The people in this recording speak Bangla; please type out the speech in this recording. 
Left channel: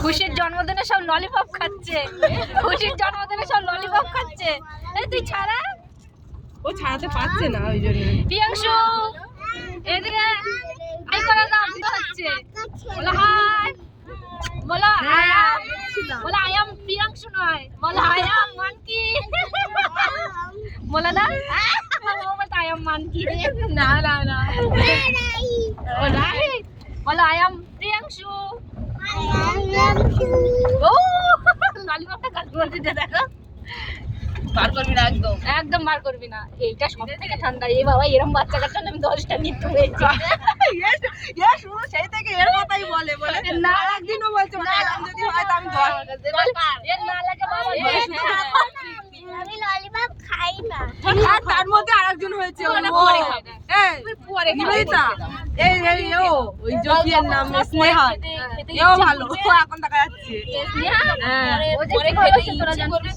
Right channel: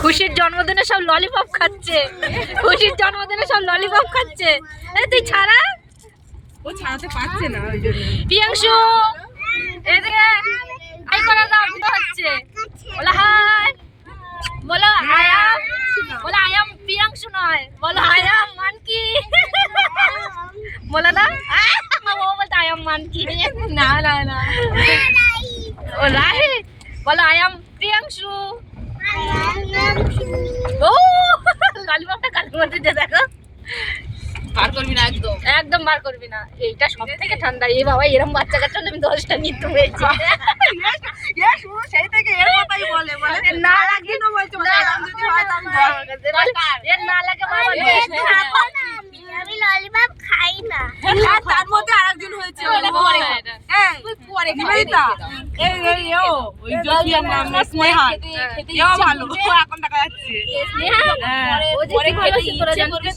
খুশির জন্মদিনে সব ললিপপ খাচ্ছে, খুশির জন্মদিনে সব ললিপপ খাচ্ছে। তুই ছাড়া, ও ছাড়াতে পারছে না ওই জন্য। প্রিয়াংশু এদিকে হাই করে দাও, কি হচ্ছে? বলো হাই, বলো আই এম, বলো আই এম প্রিয়াংশু নয়, বলো আই এম মানকি। বলো না, ও বলতে আই এম মানকি। না না না, ও রাহি, বলো আই এম প্রিয়াংশু। ও ললিপপটা কালকে মধ্যে দেখো, বার করবি না একদম। একদম বার করবি না। এইটা সব থেকে ঠান্ডা। এই বাবা এরম বাচ্চা কাচ্চা আমি 10টা নিতে হয়েছে। সেই থেকে এর কথাই বলে বলে না একদিন ও বলছে ম্যাডাম যদি হয় তো আমি এর না লাগে বাবা, আমি ললিপপ খাই না। তার মধ্যে আরেকজন হয়েছে বলে ও খায় না। এই পরে নিবেদিতা, এই এই ও ওই জ্যোতির নাম স্নেহা, এও ভালো এখন দেখা যাচ্ছে। ও যে কি বলেছে তোরা জানতে?